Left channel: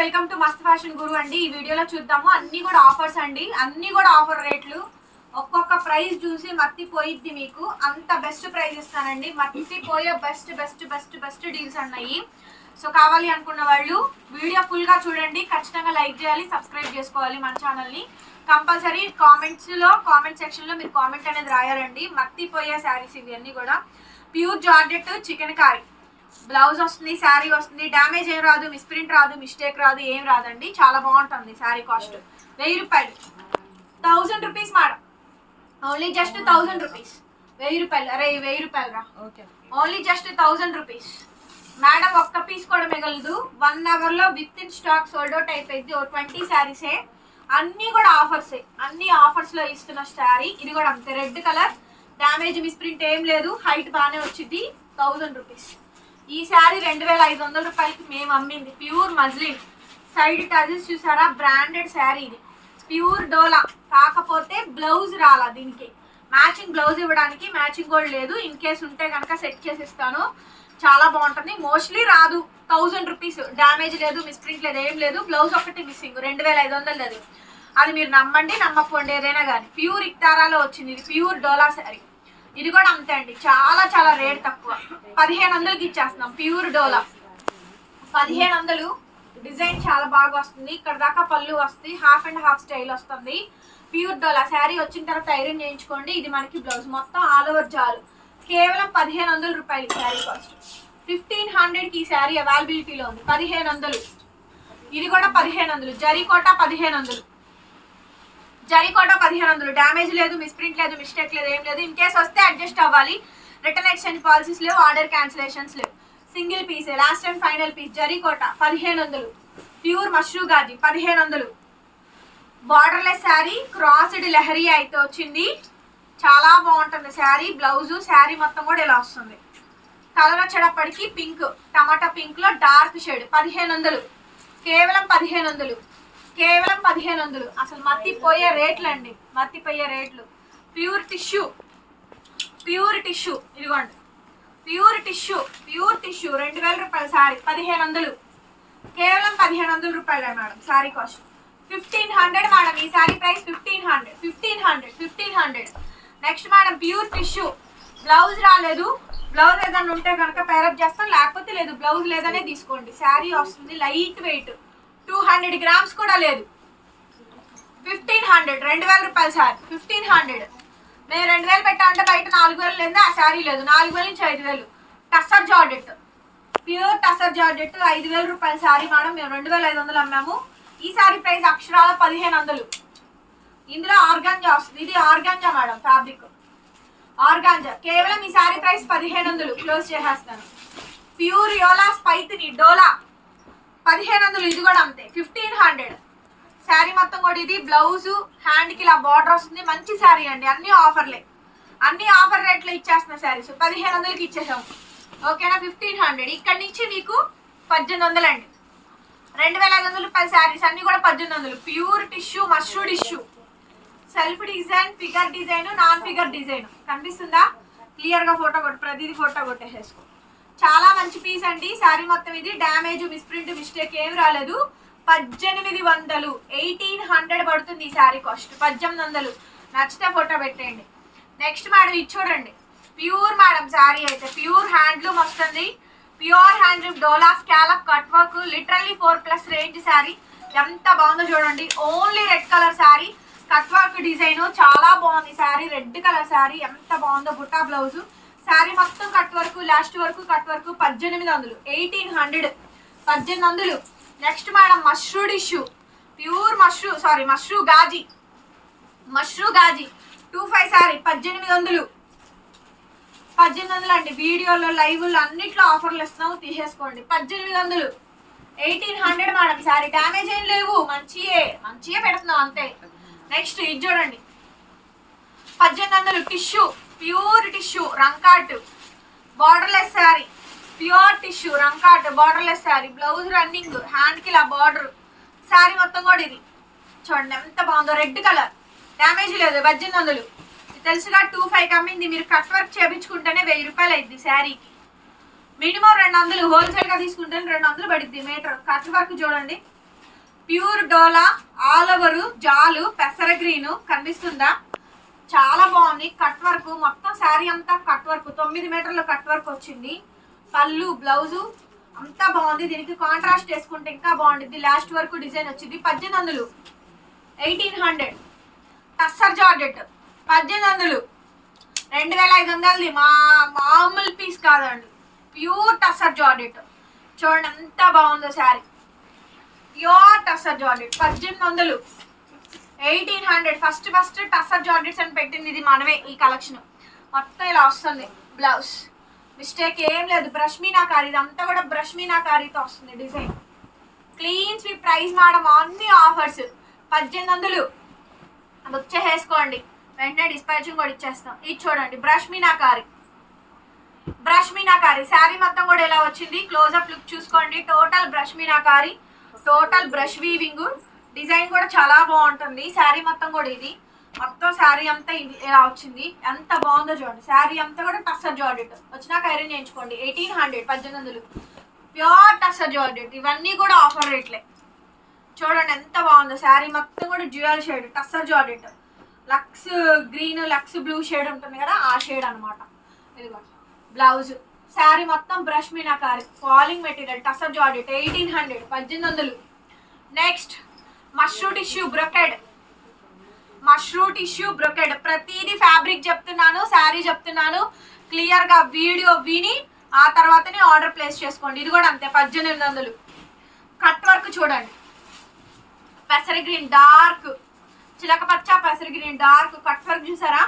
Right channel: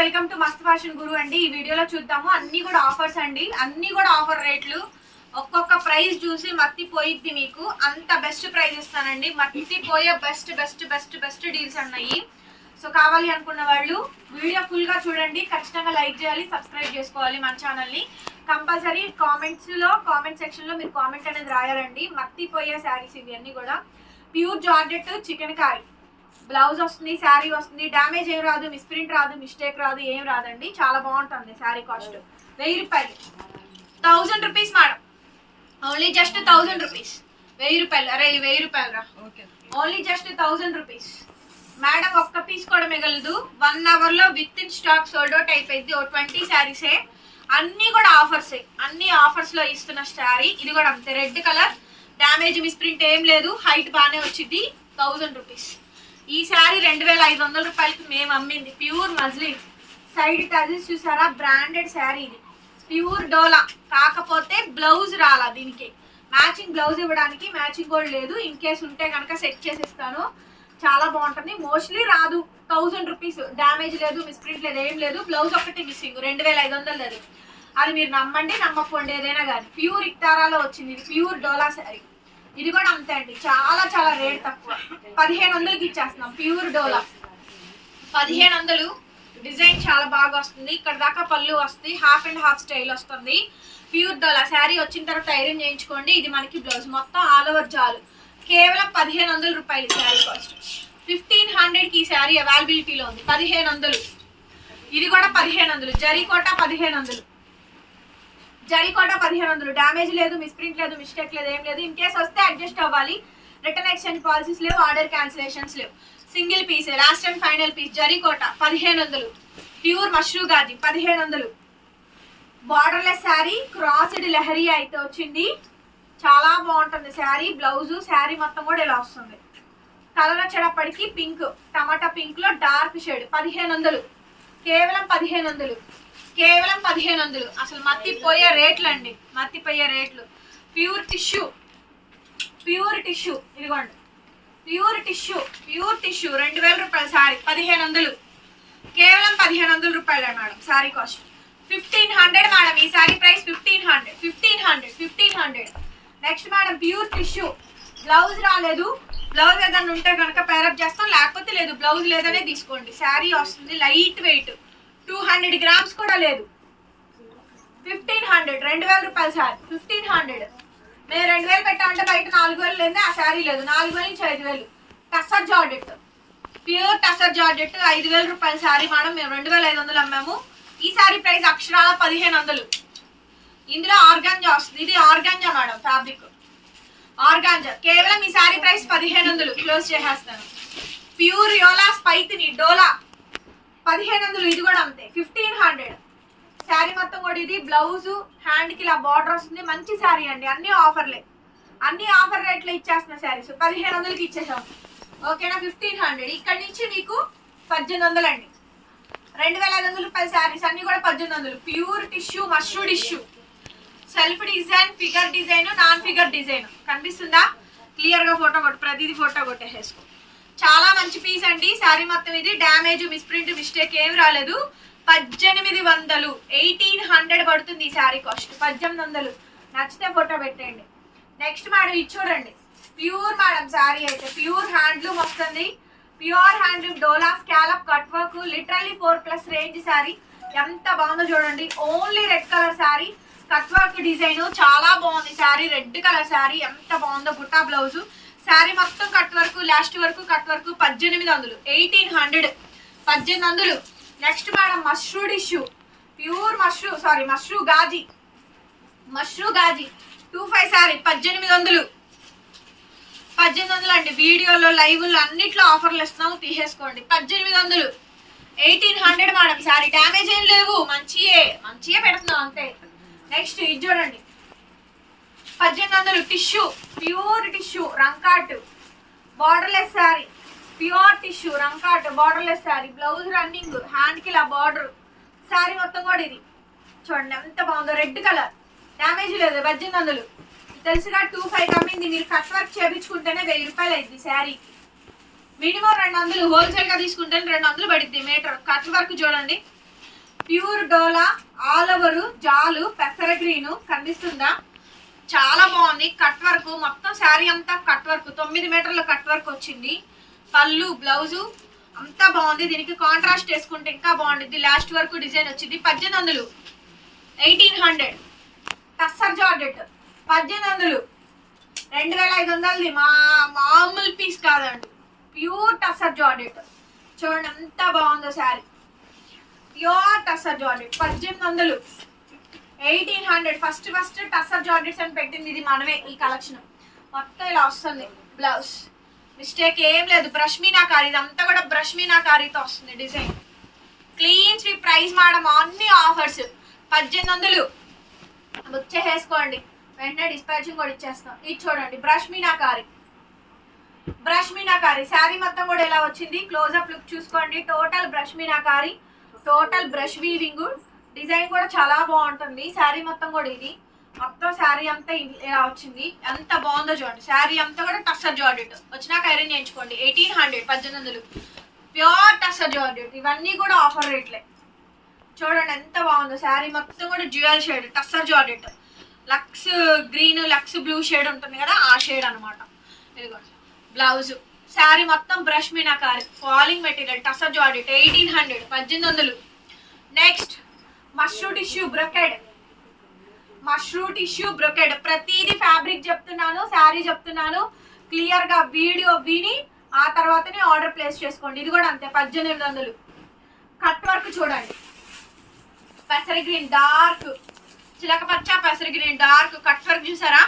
Welcome to Mast fashion Guru అండి. ఈ వీడియోలో చూద్దాము. అన్ని కూడా ఆఫర్స్ అండి. అన్ని కూడా ఆఫర్ రేట్లు. ఒక్కొక్క ప్రైస్ చూసి మత్తి పోయిద్ది మీకు. అంత బెస్ట్ ప్రైస్ ఇస్తానండి. మత్తి పోయే best best best best deals ఉన్నాయి సో కావాలి అనుకున్న వాళ్ళు వీడియో ఫుల్గా చూడండి. ఖచ్చితంగా లైక్ చేయాలి సబ్స్క్రైబ్ చేసుకోవాలి మన ఛానల్ని కంపల్సరీ కామెంట్స్లో కామెంట్ సెక్షన్లో మీరు కామెంట్ అనేది రాయాలండి. మత్తి పోయే శారీస్ ఇవన్నీ కూడా. Pure georgette chikankari blouse వస్తుంది శారీ వస్తుంది డ్యామేజ్ ఏం రాదు మిస్ప్రింట్ రాదు మిస్టేక్ రాదు ఏం రాదండి. చాలా బాగుంటుంది శారీ కాస్ట్. వెయ్యి రూపాయలు. Thousand rupees madam. Only just thousand rupees. వెయ్యి రూపాయలు. అరే వెయ్యి రూపాయలు రా. Only just thousand rupees. Madam ఒక్క పీస్ కూడా మిగలదు. వన్ అవర్లో with in stock sold out అయిపోయింది. ఓ ట్వంటీ శారీసే. అన్ని కూడా ఆఫర్స్. అన్ని ఆఫర్స్లో ఇస్తున్న శారీ. ఇది కూడా అంతే. Red colour. డ్యామేజ్ మిస్ప్రింట్ ఏం లేదు. హైట్ బాగానే వచ్చింది. Thousand rupees. ఈ శారీ రెండు వేల ఐదు వందల రూపాయలకి మేము అమ్మింది. Pure muslin. సైడ్ టజెస్ చూసారా? బ్రాండెడ్ శారీ ఇది. ప్యూర్ డోలా. కాకపోతే బ్లౌజ్ రాలా దీనికి. మ్యాచింగ్ బ్లౌజ్ ఇవ్వడానికి మ్యాచింగ్ కూడా లేదు. ఇన్ కేస్ ఉంటే కనుక సెట్ చేసిస్తాను. చాలా బాగుంటుంది. మోస్ట్లీ రాదు. Thousand rupees. డ్యామేజ్ లేదు మిస్ప్రింట్ లేదు ఏం లేదు. బ్లౌజ్ ఒకటి మిస్సింగ్. రెండు వేల ఐదు వందలు అది. అది మీరు నమ్మండి నమ్మకపోండి ఏదైనా కానీ. ప్యూర్ ఇక్తారాలో వచ్చింది. ఇది ప్యూర్ డోలా శారీ. ఇది కూడా అంతే అండి. చాలా చాలా రేట్ తక్కువ. పదిహేను వందలకి ఇచ్చేస్తున్నాం ప్యూర్ డోలా. పదిహేను వందలు. డిజైన్ చాలా బాగా వస్తుంది. ఇక్కడ దాకా పళ్ళు వస్తుంది హాఫ్ అండ్ హాఫ్ స్టైల్ వస్తుంది. ప్యూర్ డోలా. శారీ వచ్చిన తర్వాత ఐరన్ చేయించుకోండి. ఇది మనకి బ్లౌజ్ మొత్తం ఆల్ ఓవర్ జాలు. కేవలం పదిహేను వందల రూపాయలు శారీ కాస్ట్ ఫిఫ్టీన్ హండ్రెడ్కి ఈ శారీ అవైలబిలిటీలో ఉంది. పదిహేను వందలు. ఇది కూడా పదిహేను వందలు. జరీకోట పదిహేను వందలు. జరీకోట పదిహేను వందలు. డ్యామేజ్ లేదు మిస్ప్రింట్ లేదు మిస్టేక్ లేదు ఏం లేదు. ఇన్ కేస్ వస్తే అడ్జస్ట్ అవ్వాలి. రిటర్న్ ఎక్స్చేంజ్ పాలసీస్ లేవు ఆర్డర్ క్యాన్సిలేషన్స్ లేవు. సింగిల్ పీసే లాస్ట్ అండ్ ఫైనల్ పీస్ జరికోట పదిహేను వందలు. ప్యూర్ మష్రూ గాజి పదిహేను వందలు. బార్డర్లెస్ శారీ క్రాస్డ్ లెహరీ అయితే వచ్చింది. చాలా బాగుంటుంది శారీ బ్లౌజు శారీ మొత్తం కూడా ఇలా వస్తుంది. కలర్ వచ్చేటప్పటికి పింక్ టమాటా పింక్లో డార్క్ షేడ్ పదిహేను వందలు. కేవలం పదిహేను వందలు. కేవలం పదిహేను వందలు. అసలు మత్తిపోయే రేట్లు అండి మత్తిపోయే రేట్లు. Pure tissue. Pure tissue. ఇదిగోండి. Pure tissue. Pure tissue. రెండు వేల రూపాయలు శారీ పదిహేను వందలు. కేవలం పదిహేను వందల రూపాయలే madam. Sari cost. Fifteen hundred madam. ఈ sari price fifteen hundred. Fifteen hundred. Fifteen hundred. Next madam pure tissue. Blouse రాలేదు. బ్లౌజ్ ఏదైనా ఉంటే కనుక పేరప్ చేస్తాం. లేకపోతే లేదు బ్లౌజ్ లేదనే తీసుకోండి. శారీ వస్తుంది light weight. Two hundred grams కూడా లేదు. ఫిఫ్టీన్ హండ్రెడ్ రెండు వేల రూపాయలు సార్. Fifteen hundred. మేము రెండు వేలు పెట్టామంటే బయట నాలుగు వేలు లేదు ఆ శారీ లేదు. నాలుగు వేల నుంచి ఐదు వేలు. Tussar georgette pure tussar georgette ఐదు వేల రూపాయల శారీ మేడం. మేము రెండు వేల ఐదు వందలు అమ్మాము. ఈ శారీ ప్రైస్ అక్షరాల పదిహేను వందలు. ఇందులో ఆర్గాంజా వస్తుంది. ఇది ఆర్గాంజా మేడం ఫ్యాబ్రిక్. ఆర్గాంజా. కేవలం ఈ శారీ ప్రైస్ పదిహేను వందలు. క్లోజ్ చేసేస్తాను. ప్యూర్ యోలా స్పైత్ని డోలా. పదిహేను వందలు ఇది కూడా అంతే. ఫిఫ్టీన్ హండ్రెడ్ శారీ మొత్తం కూడా ఇది బ్లౌజ్ హ్యాండ్కి ఇలా బార్డర్ వస్తుంది. మంచి శారీ అండి అన్ని ఆఫర్లే. అన్ని ఆఫర్ రేట్లో ఇచ్చేస్తున్న శారీస్. పదిహేను వందలకి ఇచ్చేసాం. ఓకేనా? ఫిఫ్టీన్ హండ్రెడ్ ఇక్కడ నుంచి మీకు పద్దెనిమిది వందలు అండి రెండు వేల ఐదు వందలు పది శారీస్ అన్ని కూడా పద్దెనిమిది వందలు pure tissue mashru tissue. Self design figure design non figure design. కనిపిస్తుందా? క్లియర్గా ఫోటో కొట్టు ప్రతిదీ ఫోటో కొట్టేసేసుకో. చాలా మంచి పీస్ అండి. శారీ మొత్తం ఇది. డ్యామేజ్ మిస్ప్రింట్ మిస్టేక్ ఏం రాలేదు. పద్దెనిమిది వందలు ఎయిటీన్ హండ్రెడ్ పడుతుంది ఈ శారీ కాస్ట్ పద్దెనిమిది వందలు. నచ్చితే ఫోటో పెట్టేయండి. నెక్స్ట్ మేడం ఇది చూడండి. ప్యూర్ మేడం శారీ అయితే ప్యూర్ హ్యాండ్లూమ్ వస్తుంది. ప్యూర్ హ్యాండ్లూమ్ డోలా scallop cut work literally four plus range sari ఎంత బాగుందో చూడండి. Only red colour sari cut work design చాలా బాగుంది. శారీ రెడ్ కలర్ శారీ ఎంత బాగుందో బుట్టా బ్లౌజు శారీ మొత్తం కట్ వర్క్ లాస్ట్ వరకు కట్ వర్క్ పద్దెనిమిది వందలు. ఎయిటీన్ హండ్రెడ్ పద్దెనిమిది వందలు. Next madam mashru tissue pure mashru sari mashru Ghazi mashru Ghazi two five sari పద్దెనిమిది వందలు. పద్దెనిమిది వందలు అండి. వీడియోలో లైవ్లో అన్నిట్లో ఆఫర్లు ఇస్తున్నాము. తీసేసుకోండి. పద్దెనిమిది వందలు. Eighteen hundred madam sari damage ఏం లేవు. మంచియే. మంచియే పెడుతున్నాం అంతే. నెక్స్ట్ ఇది చూడండి. పద్దెనిమిది వందలు tissue pure tissue రంకాట్. Borderless sari pure tissue రంకాట్ borderless sari blouse running హ్యాండ్కి ఇలా బార్డర్ శారీ మొత్తం కూడా ఇది. చూడండి ఎంత బాగుందో. రెడ్ కలర్ డ్యామేజ్ లేదు పద్దెనిమిది వందలు. తెలుసుగా టూ ఫైవ్ కమ్మింది మీరు కట్ వర్క్ చేయించుకుంటేనే వెయ్యి రూపాయలు అయింది శారీకి మినిమం రెండు వందలు హోల్సేల్గా తీసుకుంటే రెండు వందలు పడుద్ది మీటర్ కట్ వర్క్ చూడండి. ప్యూర్ డోలా ఆల్ ఓవరు జాలు పెసర గ్రీను కనిపిస్తుందా? చాలా బాగుంది. కట్ వర్క్ మొత్తం శారీ అంతా కట్ వర్క్ తొమ్మిది మీటర్ల కట్ వర్క్ వచ్చింది. పళ్ళు బ్లౌజు అంతా బాగుంది. దీనికి కాంట్రాస్ట్ వేసుకుంటే ఇంకా బాగుంటుంది లాస్ట్ వరకు డిజైన్ వచ్చింది. పద్దెనిమిది వందలు. ఎయిటీన్ హండ్రెడ్ టస్సర్ జార్డెట్ పద్దెనిమిది వందలు. రెండు వేల ఐదు వందలది. మా మామూలు పీస్ కాదండి. ప్యూర్ టస్సర్ జార్డెట్ చూడండి అంతా బాగుందో శారీ. ప్యూర్ టస్సర్ జార్డెట్ పద్దెనిమిది వందలు. Eighteen hundred. First first tussar georgettes అని పెట్టింది ఇది మనమే ఈ కలెక్షన్. మొత్తం ఇలా వస్తుంది. బ్లౌజ్. మిస్టేక్ ఏం లేదు. బ్రష్మీనా కారీ ఇదంతా కూడా బ్రష్మీనా కారీతో వస్తుంది design. Clean sweep price madam అన్ని ఆఫర్స్. పద్దెనిమిది వందలు. బుక్ చేసేసుకోండి. వెంటనే డిస్పాచింగ్ కూడా ఇచ్చేస్తాం. ఇది చూడండి బ్రష్ మీనాకారి బ్రష్ మీనాకారి శారీ మొత్తం కూడా ఎలా వచ్చింది. క్లోజ్అప్ లుక్ చూసుకోండి. టోటల్ బ్రష్ మీనాకారి టోటల్ బ్రష్ వీవింగ్ డిజైన్ కూడా చాలా బాగుంటుంది. శారీ మొత్తం కూడా ఇది. మొత్తం శారీ అంతా ఇలా వచ్చింది. ఎంత బాగుందో చూడండి. శారీ అంతా కూడా టస్సర్ జార్డెట్. వచ్చినాక ఐరన్ చేయించుకోండి. ఎయిటీన్ హండ్రెడ్ పద్దెనిమిది వందలు. Pure tussar georgette. ఇవన్నీ కూడా ఆఫర్ రేట్లే. చూడండి ఎంత బాగుందో. శారీ మొత్తం కూడా jewel shade tussar georgette. Looks green looks blue shade ఉంటుంది కదా ఆ షేడ్ అనమాట ఇదిగోండి. బ్లౌజ్. శారీ మొత్తం brush meenakari. Falling material tussar georgette eighteen hundred పద్దెనిమిది వందలు. Next mashru tissue brocade. Mashru tissue brocade. ప్రతిదీ ఫ్యాబ్రిక్ చెప్తున్నాను శారీ చెప్తున్నాను. క్లియర్గా వీడియో విని ఆ తర్వాతనే ఆర్డర్ ప్లేస్ చేసుకోండి. ఇది కూడా అంతే పద్దెనిమిది వందలు. కట్ వర్క్ చూడండి. పెసరి గ్రీన్ డార్క్. చిలక పచ్చ పెసరి గ్రీన్ డార్క్. కట్ వర్క్ చూసారా?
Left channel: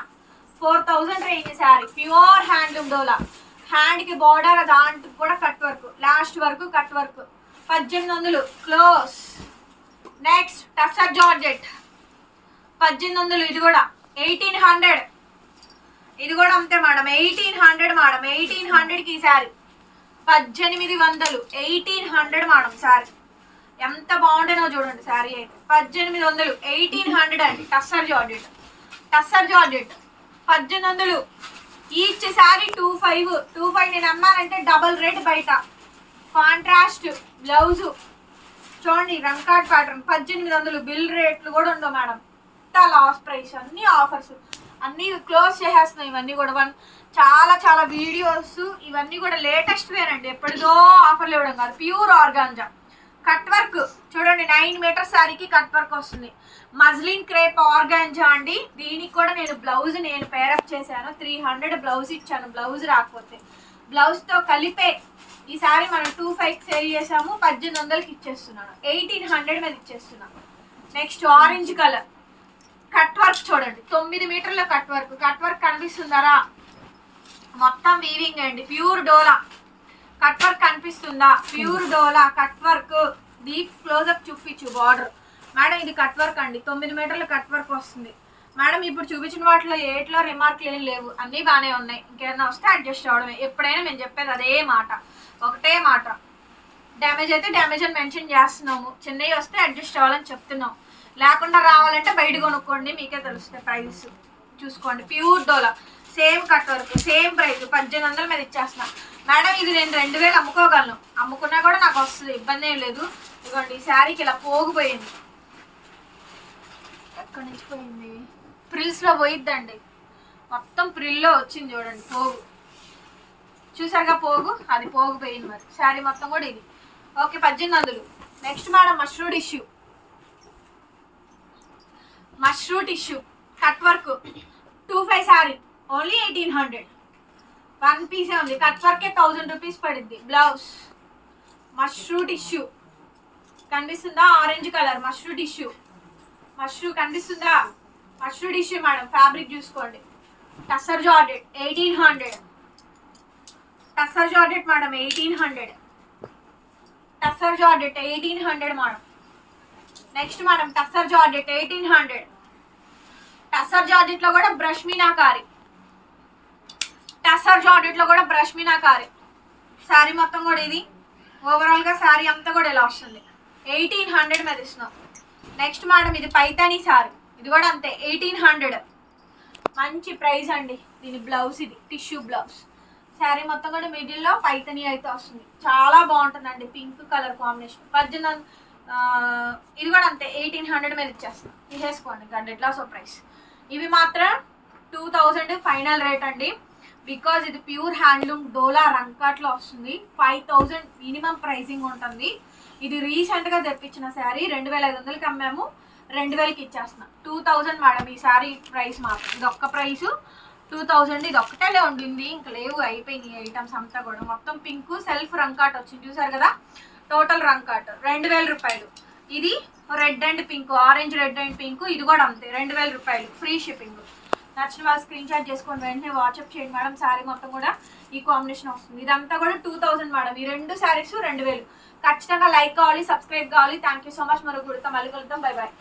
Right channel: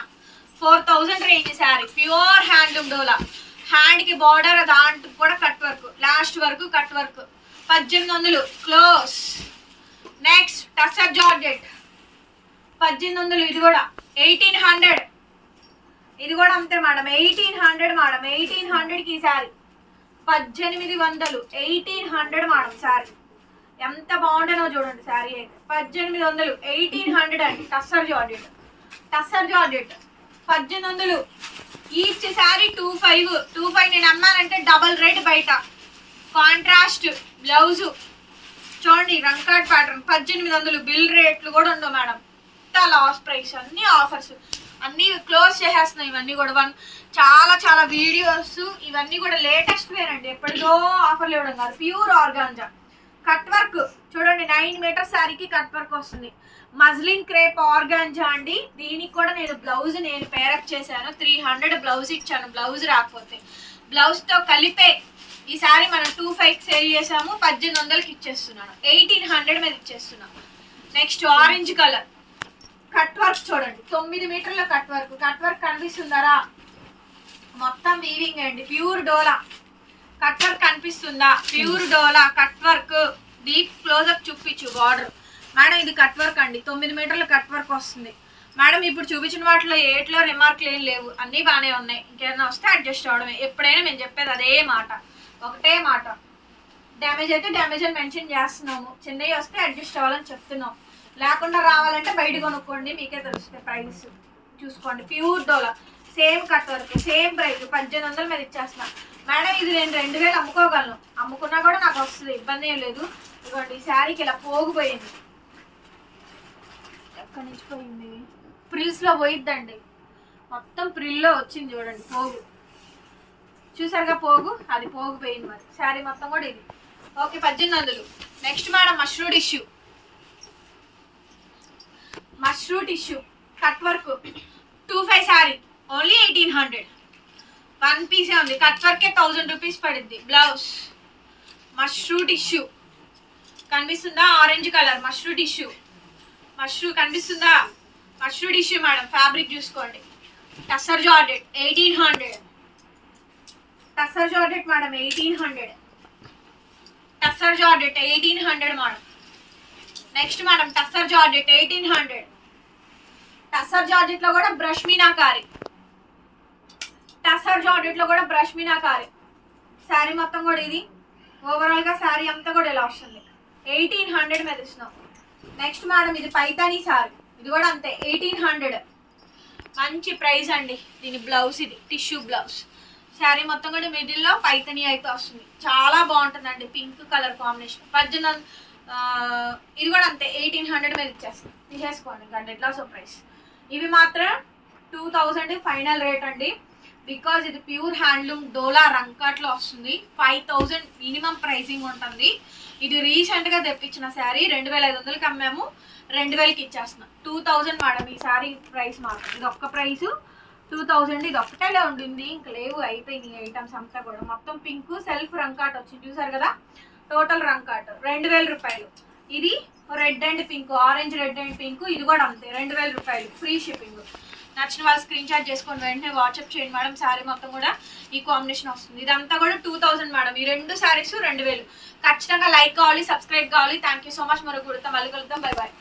Four thousand range sari. Pure handloom డోలా హ్యాండ్కి బార్డర్ దాంట్లో కూడా కట్ వర్క్. లాస్ట్ వరకు కట్ వర్క్. పద్దెనిమిది వందలు. క్లోజ్ నెక్స్ట్ టస్సర్ జార్జెట్ పద్దెనిమిది వందలు ఇది కూడా. ఎయిటీన్ హండ్రెడ్ ఇది కూడా అంతే madam. Eighteen hundred madam. Eighteen హండ్రెడ్కి ఈ శారీ పద్దెనిమిది వందలు. ఎయిటీన్ హండ్రెడ్ మేడం శారీ ఎంత బాగుండేనో చూడండి శారీ అయితే. పద్దెనిమిది వందలు. ఎయిటీన్ హండ్రెడ్ అండి. టస్సర్ జార్జెట్ టస్సర్ జార్జెట్ పద్దెనిమిది వందలు. Each sari two five. Two five నేను అమ్మానంటే డబల్ రేట్ బయట. Contrast blouse. చూడండి రంకాట్ ప్యాటర్న్ పద్దెనిమిది వందలు బిల్ రేట్లు కూడా ఉండవు మేడం. ఇంత లాస్ట్ ప్రైస్ అన్ని ఆఫర్స్ అన్ని క్లోజ్ చేసేస్తున్నాయి ఇవన్నీ కూడా. వన్ చాలా చాలా వీడియోస్ ఇవన్నీ కూడా లేటెస్ట్ వేనండి ఎప్పటిదో ఆఫర్లు ఇవ్వడం కాదు. ప్యూర్ ఆర్గాంజా కట్ వర్క్ చూడండి నైన్ మీటర్ శారీకి కట్ వర్క్ వస్తుంది. మజ్లిన్ క్రేప్ ఆర్గాంజా అండి. దీనికి కూడా నేను బ్లౌజ్ నేను పేరప్ చేశాను. త్రీ హండ్రెడ్ బ్లౌజ్ ఇచ్చాను. బ్లౌజ్ రాకపోతే. బ్లౌజ్తో కలిపే ఈసారి మనం టూ ఫైవ్ సేల్ చేసాము పద్దెనిమిది వందలకి ఇచ్చేస్తున్నాను. ఎయిటీన్ హండ్రెడ్ మీద ఇచ్చేస్తున్నాను. Next orange colour cut work చూడండి. తొమ్మిది మీటర్ల కట్ వర్క్ కట్ వర్క్ కనిపిస్తుందరా? మొత్తం వీవింగ్ అండి. ప్యూర్ డోలా. కట్ వర్క్ కనిపిస్తుందా? ప్యూర్ డోలా. కట్ వర్క్ డీప్ క్లోజప్ చూపించు బార్డర్ మేడం ఇది కట్ వర్క్ అండి. తొమ్మిది మీటర్ల కట్ వర్క్ వస్తుంది. మేడం ఇప్పుడు చూపించిన వాటిలో ఏట్లో రిమార్క్లు ఏం లేవు. అన్నీ బాగానే ఉన్నాయి. ఇంకేమైనా వస్తే అడ్జస్ట్ అవడమే. ఎప్పుడైనా మేము చెప్పేది అదే మాట. ఒకటే మాట. డ్యామేజ్ అయితే డ్యామేజ్ అని మెన్షన్ చేస్తున్నాము. చిన్నవి వస్తే అడ్జస్ట్ అవ్వాలని చెప్తున్నాం లేకుండా రావాలంటే బయట కొనుక్కోండి మీకే తెలుస్తుంది ప్రైస్ చూసుకోండి. ప్యూర్ డోలా సేమ్ కట్ వరకు సేమ్ ప్రైస్ పద్దెనిమిది వందల మీద ఇచ్చేస్తున్నా. మేడం ఇది నేను రెండు వేలు అమ్ముకోగలను. అమ్ముకున్నా కూడా నాకు వస్తుంది. ఇబ్బంది ఏం లేదు. ఇదిగోండి ఈ శారీకి ఇలా పోగిపోయింది. ఎక్కడి నుంచి పోయింది? ప్రిల్స్లో పోయిద్దండి. మొత్తం ప్రిల్లో వచ్చింది చూడండి పోగు. చూసారుగా పోగు? అది పోగు పోయింది మరి. శారీ మొత్తం కూడా ఇది. ఓకే పద్దెనిమిది వందలు. Next madam మష్రూడ్ tissue మష్రూట్ tissue cut work two five sari only eighteen hundred one పీసే ఉంది. కట్ వర్కే థౌజండ్ రూపీస్ పడుద్ది బ్లౌజ్ మష్రూట్ ఇష్యూ కనిపిస్తుందా? ఆరెంజ్ కలర్ మష్రూట్ ఇష్యూ మష్రూ కనిపిస్తుందా? మష్రూట్ ఇష్యూ మేడం ఫ్యాబ్రిక్ చూసుకోండి. Tussar georgette eighteen hundred tussar georgette madam eighteen hundred tussar georgette eighteen hundred madam next madam tussar georgette eighteen hundred tussar జార్జెట్లో కూడా brush meenakari tussar జార్జెట్లో కూడా brush మీనాకారి శారీ మొత్తం కూడా ఇది. ఓవరాల్గా శారీ అంతా కూడా ఇలా వస్తుంది. ఎయిటీన్ హండ్రెడ్ మీద ఇస్తున్నాం నెక్స్ట్ మేడం ఇది పైతాని సారీ ఇది కూడా అంతే ఎయిటీన్ హండ్రెడ్ మంచి ప్రైస్ అండి. దీని బ్లౌజ్ ఇది టిష్యూ బ్లౌజ్ శారీ మొత్తం కూడా మిడిల్లో పైతనీ అయితే వస్తుంది. చాలా బాగుంటుందండి పింక్ కలర్ కాంబినేషన్. పద్దెనిమిది ఇది కూడా అంతే ఎయిటీన్ హండ్రెడ్ మీద ఇచ్చేస్తాను తీసేసుకోండి గంటెట్లా సో ప్రైస్. ఇవి మాత్రం టూ థౌజండ్ ఫైనల్ రేట్ అండి. బికాజ్ ఇది ప్యూర్ హ్యాండ్లూమ్ డోలా రంకాట్లో వస్తుంది. ఫైవ్ థౌజండ్ మినిమం ప్రైసింగ్ ఉంటుంది. ఇది రీసెంట్గా తెప్పించిన శారీ రెండు వేల ఐదు వందలకి అమ్మాము రెండు వేలకి ఇచ్చేస్తున్నాం. టూ థౌజండ్ మేడం ఈ శారీ ప్రైస్ మాత్రం. ఇది ఒక్క ప్రైస్ టూ థౌజండ్ ఇది ఒక్కటేలే ఉండింది. ఇంకా లేవు అయిపోయినాయి ఐటమ్స్ అంతా కూడా. మొత్తం పింక్ సెల్ఫ్ రంకాట్ వచ్చింది. చూసారు కదా? టోటల్ రంకాట్ రెండు వేల రూపాయలు. ఇది red and pink orange red and pink ఇది కూడా అంతే రెండు వేల రూపాయలు. ఫ్రీ షిప్పింగ్ నచ్చిన వాళ్ళు స్క్రీన్ షాట్ చేసుకొని వెంటనే వాట్సాప్ చేయండి మేడం. శారీ మొత్తం కూడా ఈ కాంబినేషన్ వస్తుంది. ఇదంతా కూడా టూ థౌసండ్ మేడం. ఈ రెండు శారీస్ రెండు వేలు. ఖచ్చితంగా లైక్ కావాలి సబ్స్క్రైబ్ కావాలి. థ్యాంక్ యూ సో మచ్ మరో కుడతాం మళ్ళీ కలుద్దాం. Bye bye